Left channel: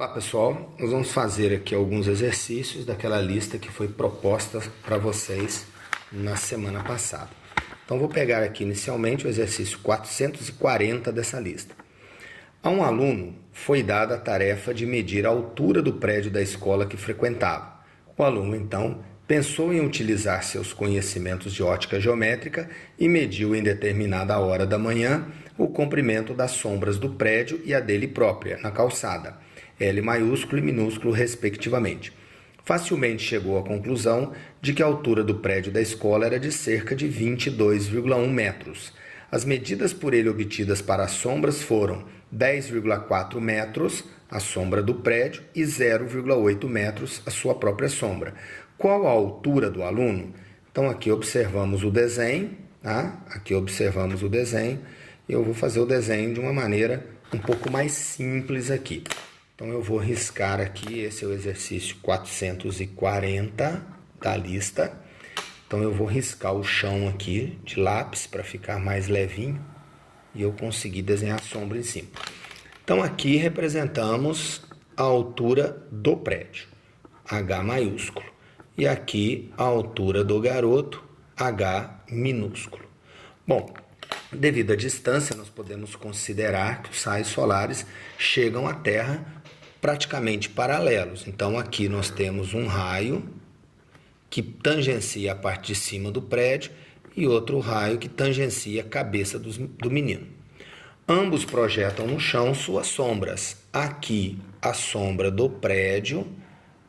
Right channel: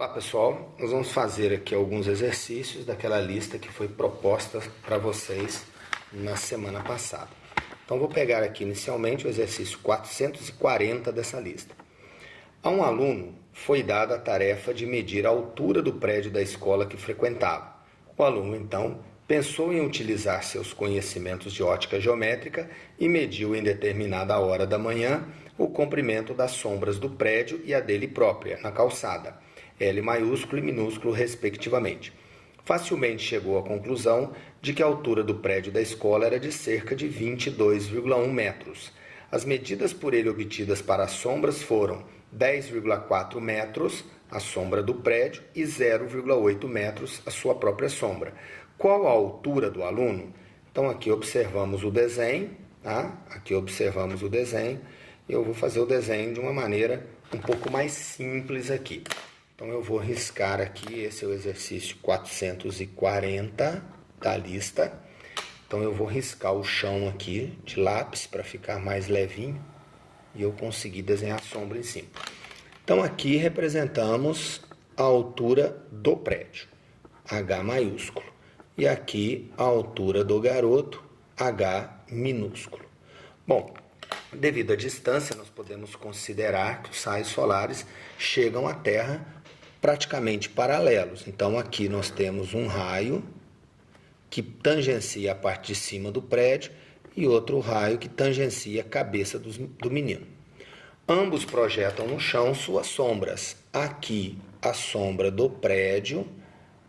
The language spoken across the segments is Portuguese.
Olá pessoal, nós vamos fazer aqui alguns exercícios daquela lista que foi proposta para vocês na semana passada. Então vou pegar aqui inicialmente o exercício 440 dessa lista. A um aluno foi dada a tarefa de medir a altura do prédio da escola que frequentava. O aluno então pensou em utilizar seus conhecimentos de ótica geométrica e mediu em determinada hora da manhã o comprimento das sombras do prédio e a dele própria, na calçada, L maiúsculo e minúsculo respectivamente. Facilmente chegou à conclusão de que a altura do prédio da escola era de cerca de 22,1 metros. As medidas por ele obtidas para as sombras foram 10,4 metros a sombra do prédio e 0,8 metros a sua própria sombra. Qual a altura do aluno? Então aqui observamos o desenho, tá? Aqui observamos o desenho. Eu vou fazer o desenho de uma maneira um pouco mais simples aqui. Então eu vou riscar aqui, esse é o exercício 440 da lista. Então eu vou riscar o chão aqui de lápis para ficar mais levinho e eu conseguir desenhar a sombra em cima. Então aqui representamos a altura do prédio, H maiúsculo. E aqui a altura do garoto, H minúsculo. Bom, devido à distância, nós podemos considerar que os raios solares chegam à Terra praticamente paralelos. Então aqui nós temos um raio que tangencia a parte de cima do prédio e outro raio que tangencia a cabeça do menino. Ambos projetam no chão suas sombras. Aqui a sombra do prédio,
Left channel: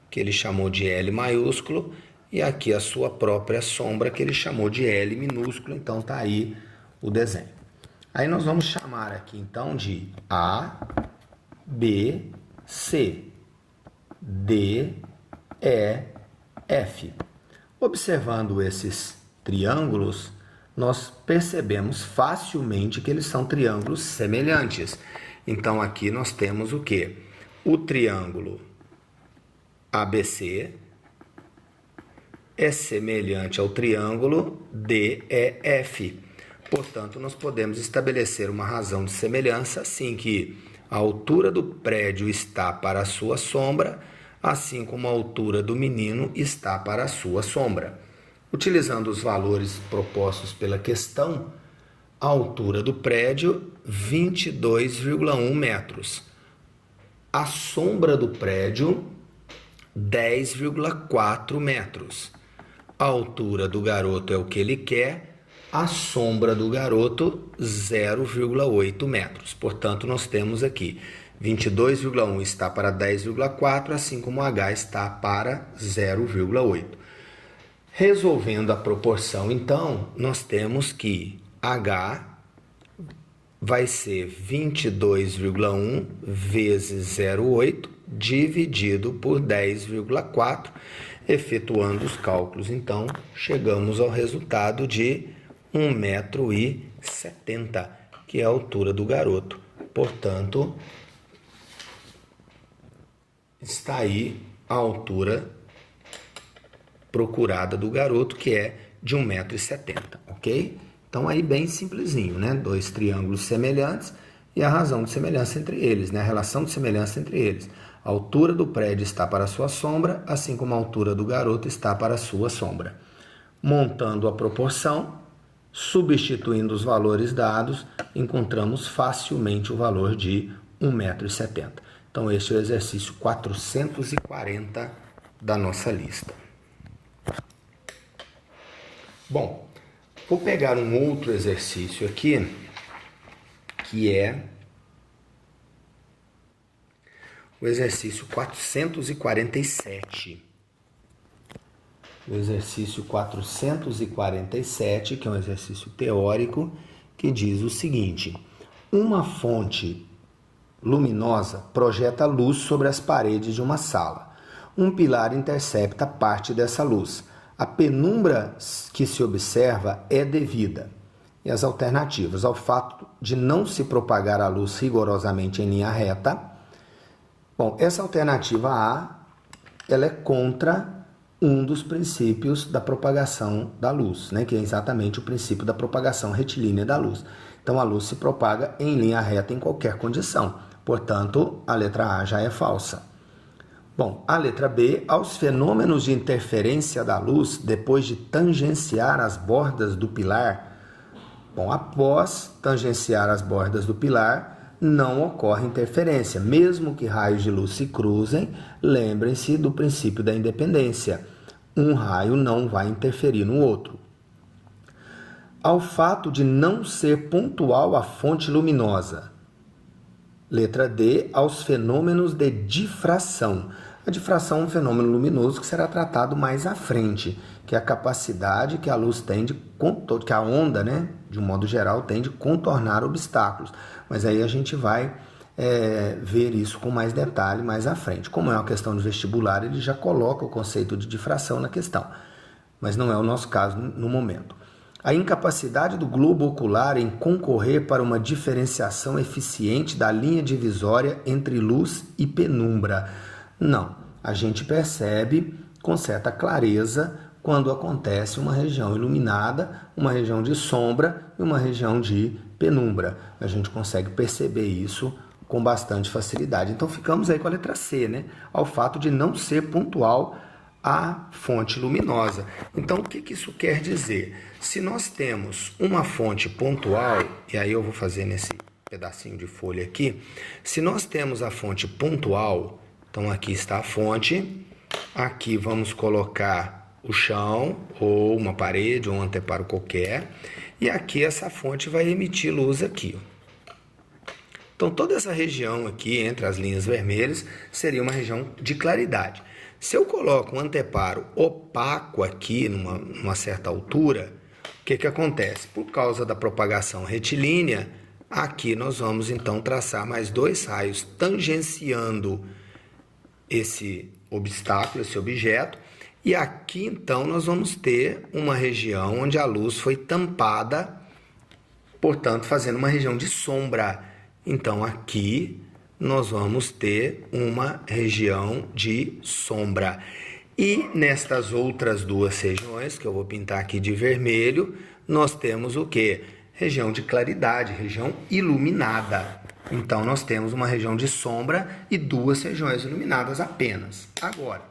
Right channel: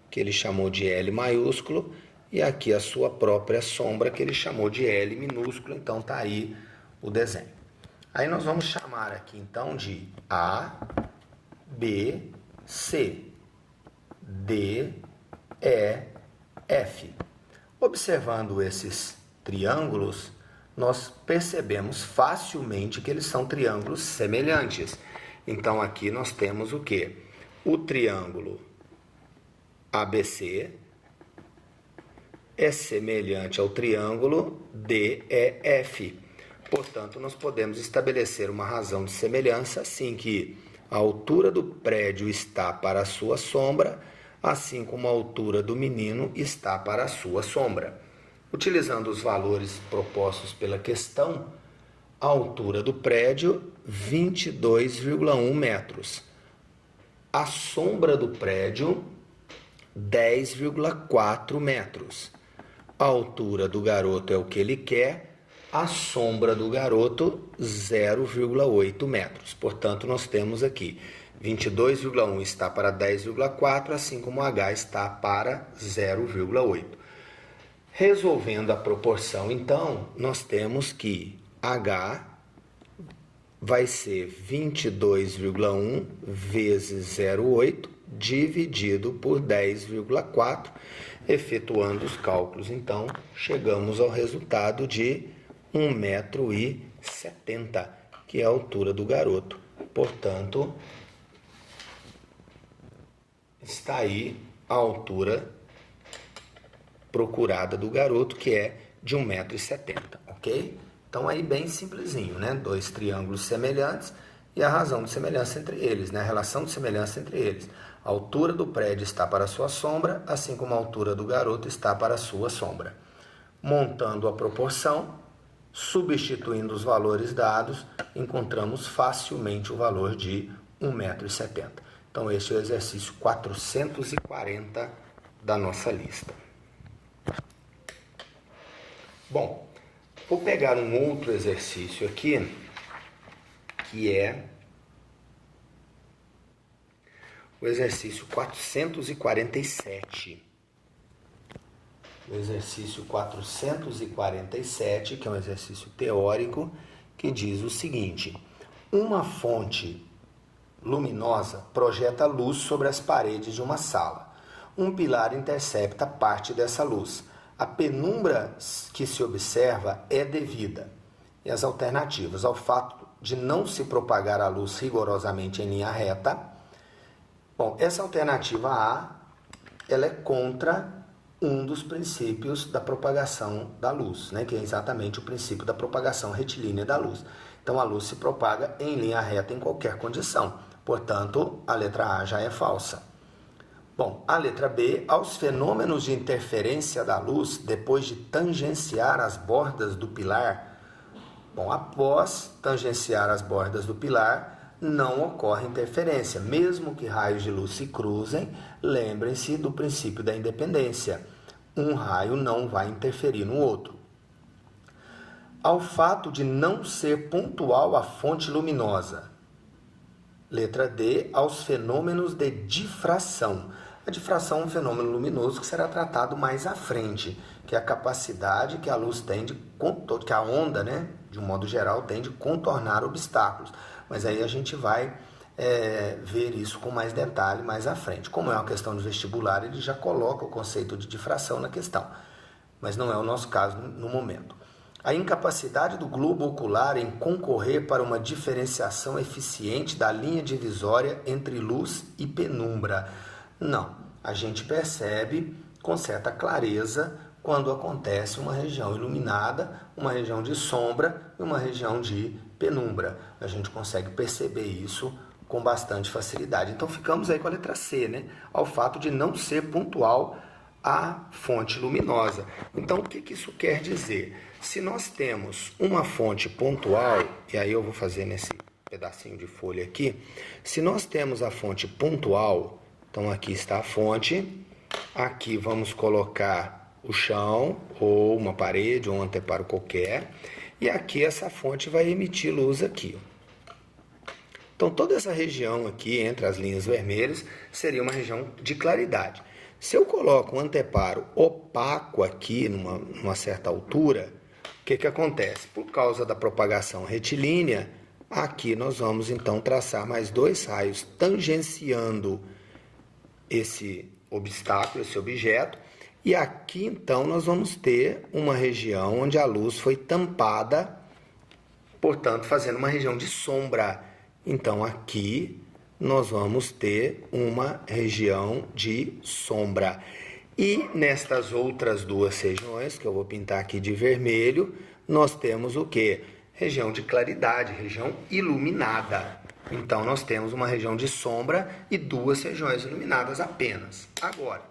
que ele chamou de L maiúsculo, e aqui a sua própria sombra, que ele chamou de L minúsculo. Então está aí o desenho. Aí nós vamos chamar aqui então de A, B, C, D, E, F. Observando esses triângulos, nós percebemos facilmente que eles são triângulos semelhantes. Então aqui nós temos o quê? O triângulo ABC é semelhante ao triângulo DEF. Portanto, nós podemos estabelecer uma razão de semelhança assim que a altura do prédio está para a sua sombra, assim como a altura do menino está para a sua sombra. Utilizando os valores propostos pela questão, a altura do prédio, 22,1 metros. A sombra do prédio, 10,4 metros. A altura do garoto é o que ele quer. A sombra do garoto, 0,8 metros. Portanto, nós temos aqui 22,1 está para 10,4, assim como H está para 0,8. Resolvendo a proporção, então, nós temos que H vai ser 22,1 vezes 0,8 dividido por 10,4. Efetuando os cálculos, então, chegamos ao resultado de 1,70 m, que é a altura do garoto. Portanto, está aí a altura procurada do garoto, que é de 1,70 m, ok? Então, aí bem simplesinho, né? Dois triângulos semelhantes e a razão de semelhança entre eles, né? A relação de semelhança entre eles. A altura do prédio está para a sua sombra, assim como a altura do garoto está para a sua sombra. Montando a proporção, substituindo os valores dados, encontramos facilmente o valor de 1,70 m. Então, este é o exercício 440 da nossa lista. Bom, vou pegar um outro exercício aqui, que é o exercício 447. O exercício 447, que é um exercício teórico, que diz o seguinte: uma fonte luminosa projeta luz sobre as paredes de uma sala. Um pilar intercepta parte dessa luz. A penumbra que se observa é devida. E as alternativas: ao fato de não se propagar a luz rigorosamente em linha reta. Bom, essa alternativa A, ela é contra um dos princípios da propagação da luz, né, que é exatamente o princípio da propagação retilínea da luz. Então, a luz se propaga em linha reta em qualquer condição. Portanto, a letra A já é falsa. Bom, a letra B, aos fenômenos de interferência da luz depois de tangenciar as bordas do pilar. Bom, após tangenciar as bordas do pilar, não ocorre interferência. Mesmo que raios de luz se cruzem, lembrem-se do princípio da independência. Um raio não vai interferir no outro. Ao fato de não ser pontual a fonte luminosa. Letra D, aos fenômenos de difração. A difração é um fenômeno luminoso que será tratado mais à frente, que é a capacidade que a luz tem que a onda, né, de um modo geral, tem de contornar obstáculos. Mas aí a gente vai ver isso com mais detalhe mais à frente. Como é uma questão de vestibular, ele já coloca o conceito de difração na questão, mas não é o nosso caso no momento. A incapacidade do globo ocular em concorrer para uma diferenciação eficiente da linha divisória entre luz e penumbra. Não, a gente percebe com certa clareza quando acontece uma região iluminada, uma região de sombra e uma região de penumbra. A gente consegue perceber isso com bastante facilidade. Então ficamos aí com a letra C, né? Ao fato de não ser pontual a fonte luminosa. Então o que isso quer dizer? Se nós temos uma fonte pontual, e aí eu vou fazer nesse pedacinho de folha aqui, se nós temos a fonte pontual, então aqui está a fonte, aqui vamos colocar o chão, ou uma parede, ou um anteparo qualquer, e aqui essa fonte vai emitir luz aqui. Então toda essa região aqui, entre as linhas vermelhas, seria uma região de claridade. Se eu coloco um anteparo opaco aqui, numa certa altura, o que acontece? Por causa da propagação retilínea, aqui nós vamos então traçar mais dois raios tangenciando esse obstáculo, esse objeto, e aqui então nós vamos ter uma região onde a luz foi tampada, portanto fazendo uma região de sombra. Então aqui nós vamos ter uma região de sombra. E nestas outras duas regiões, que eu vou pintar aqui de vermelho, nós temos o quê? Região de claridade, região iluminada. Então, nós temos uma região de sombra e duas regiões iluminadas apenas. Agora,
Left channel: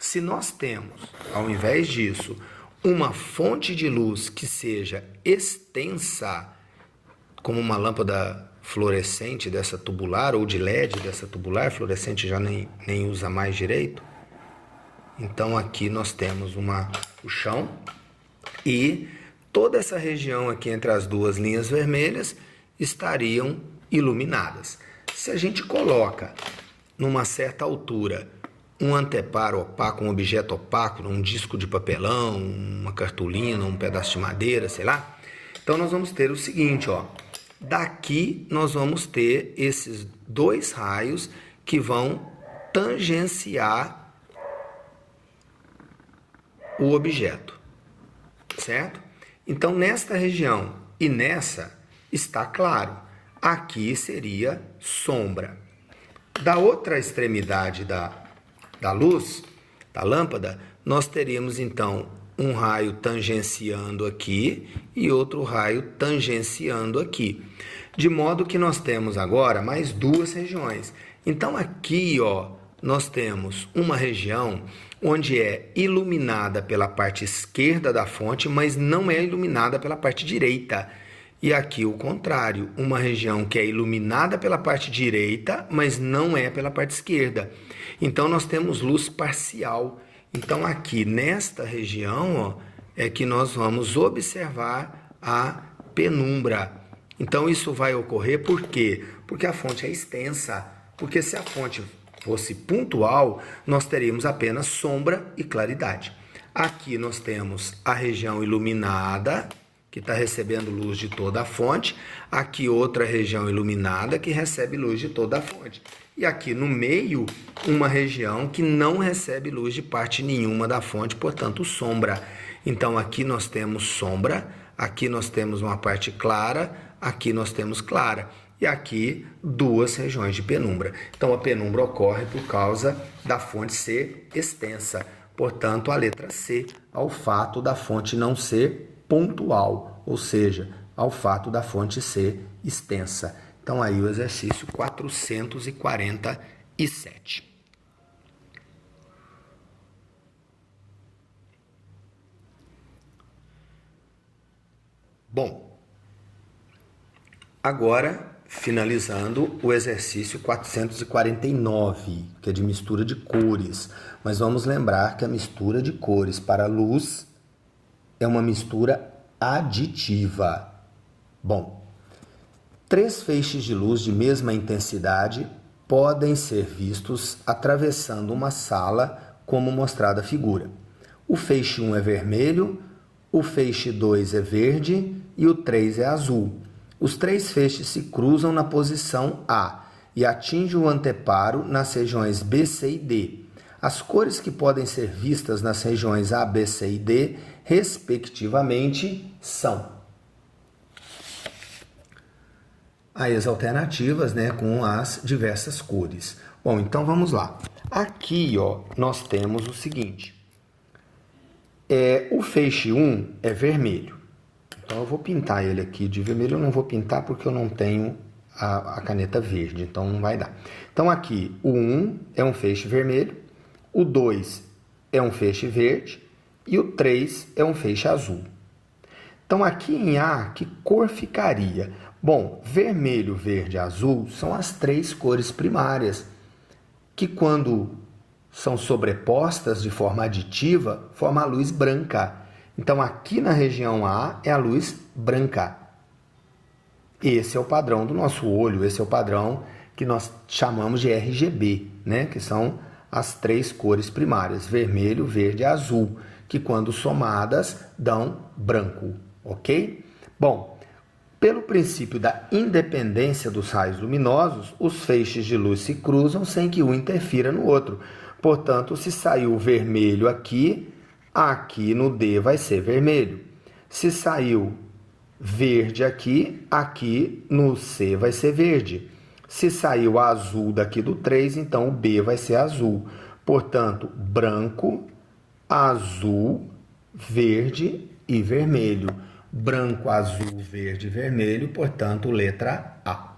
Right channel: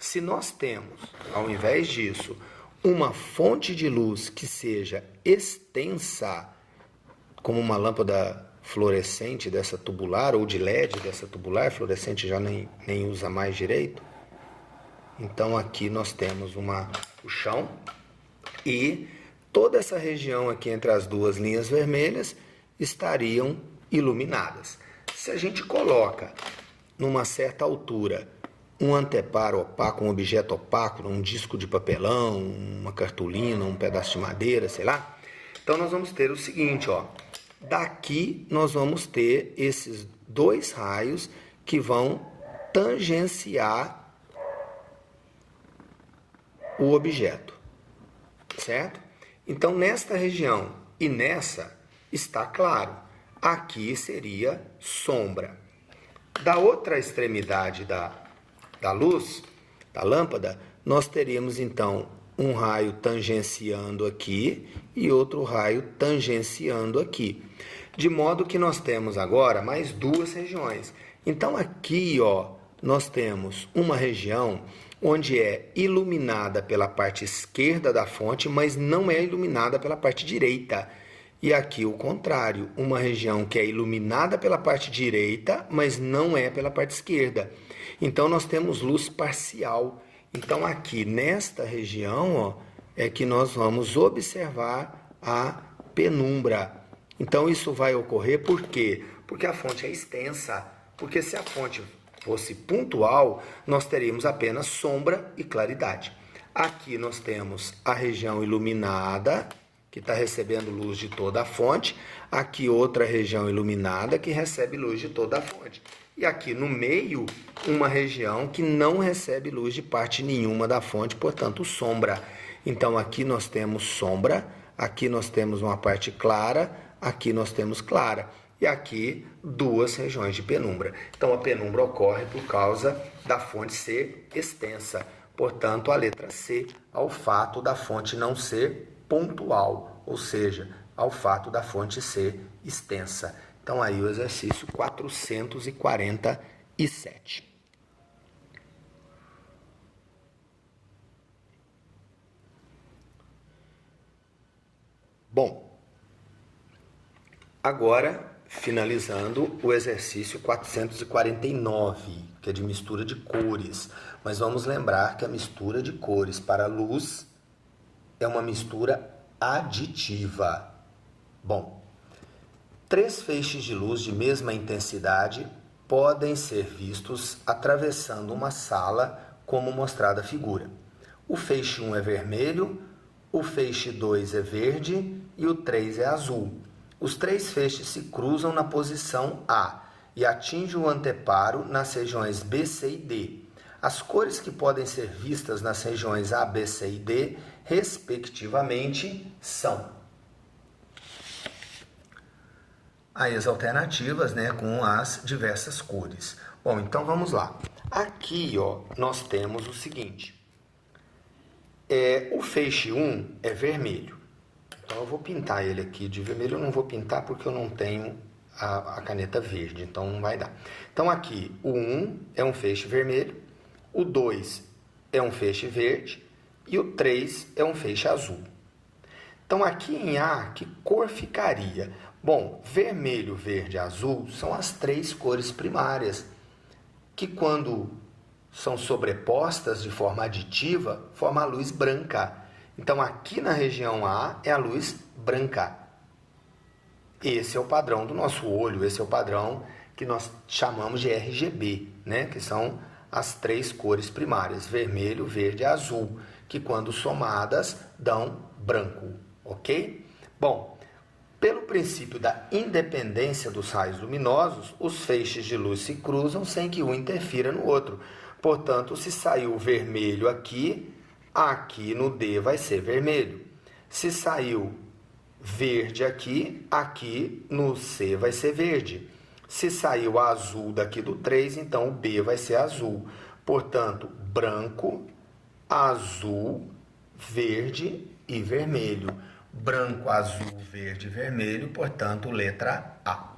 se nós temos, ao invés disso, uma fonte de luz que seja extensa, como uma lâmpada fluorescente dessa tubular, ou de LED dessa tubular, fluorescente já nem usa mais direito. Então aqui nós temos o chão e toda essa região aqui entre as duas linhas vermelhas estariam iluminadas. Se a gente coloca numa certa altura um anteparo opaco, um objeto opaco, um disco de papelão, uma cartolina, um pedaço de madeira, sei lá, então nós vamos ter o seguinte, ó, daqui nós vamos ter esses dois raios que vão tangenciar o objeto, certo? Então, nesta região e nessa está claro. Aqui seria sombra. Da outra extremidade da luz, da lâmpada, nós teríamos, então, um raio tangenciando aqui e outro raio tangenciando aqui. De modo que nós temos agora mais duas regiões. Então, aqui, ó, nós temos uma região onde é iluminada pela parte esquerda da fonte, mas não é iluminada pela parte direita. E aqui o contrário, uma região que é iluminada pela parte direita, mas não é pela parte esquerda. Então nós temos luz parcial. Então aqui nesta região, ó, é que nós vamos observar a penumbra. Então isso vai ocorrer por quê? Porque a fonte é extensa. Porque se a fonte fosse pontual, nós teríamos apenas sombra e claridade. Aqui nós temos a região iluminada, que está recebendo luz de toda a fonte. Aqui outra região iluminada, que recebe luz de toda a fonte. E aqui no meio, uma região que não recebe luz de parte nenhuma da fonte, portanto, sombra. Então, aqui nós temos sombra, aqui nós temos uma parte clara, aqui nós temos clara. E aqui, duas regiões de penumbra. Então, a penumbra ocorre por causa da fonte ser extensa. Portanto, a letra C, ao fato da fonte não ser pontual, ou seja, ao fato da fonte ser extensa. Então, aí o exercício 447. Bom, agora finalizando o exercício 449, que é de mistura de cores. Mas vamos lembrar que a mistura de cores para luz é uma mistura aditiva. Bom, 3 feixes de luz de mesma intensidade podem ser vistos atravessando uma sala, como mostrada a figura. O feixe 1 é vermelho, o feixe 2 é verde e o 3 é azul. Os 3 feixes se cruzam na posição A e atingem o anteparo nas regiões B, C e D. As cores que podem ser vistas nas regiões A, B, C e D, respectivamente, são aí as alternativas, né, com as diversas cores. Bom, então vamos lá. Aqui, ó, nós temos o seguinte. O feixe 1 é vermelho. Então, eu vou pintar ele aqui de vermelho. Eu não vou pintar porque eu não tenho a caneta verde, então não vai dar. Então, aqui, o 1 é um feixe vermelho, o 2 é um feixe verde e o 3 é um feixe azul. Então, aqui em A, que cor ficaria? Bom, vermelho, verde e azul são as 3 cores primárias, que quando são sobrepostas de forma aditiva, formam a luz branca. Então, aqui na região A é a luz branca. Esse é o padrão do nosso olho, esse é o padrão que nós chamamos de RGB, né? Que são as 3 cores primárias, vermelho, verde e azul, que quando somadas dão branco, ok? Bom, pelo princípio da independência dos raios luminosos, os feixes de luz se cruzam sem que um interfira no outro. Portanto, se saiu vermelho aqui, aqui no D vai ser vermelho. Se saiu verde aqui, aqui no C vai ser verde. Se saiu azul daqui do 3, então o B vai ser azul. Portanto, branco, azul, verde e vermelho. Branco, azul, verde e vermelho, portanto, letra A.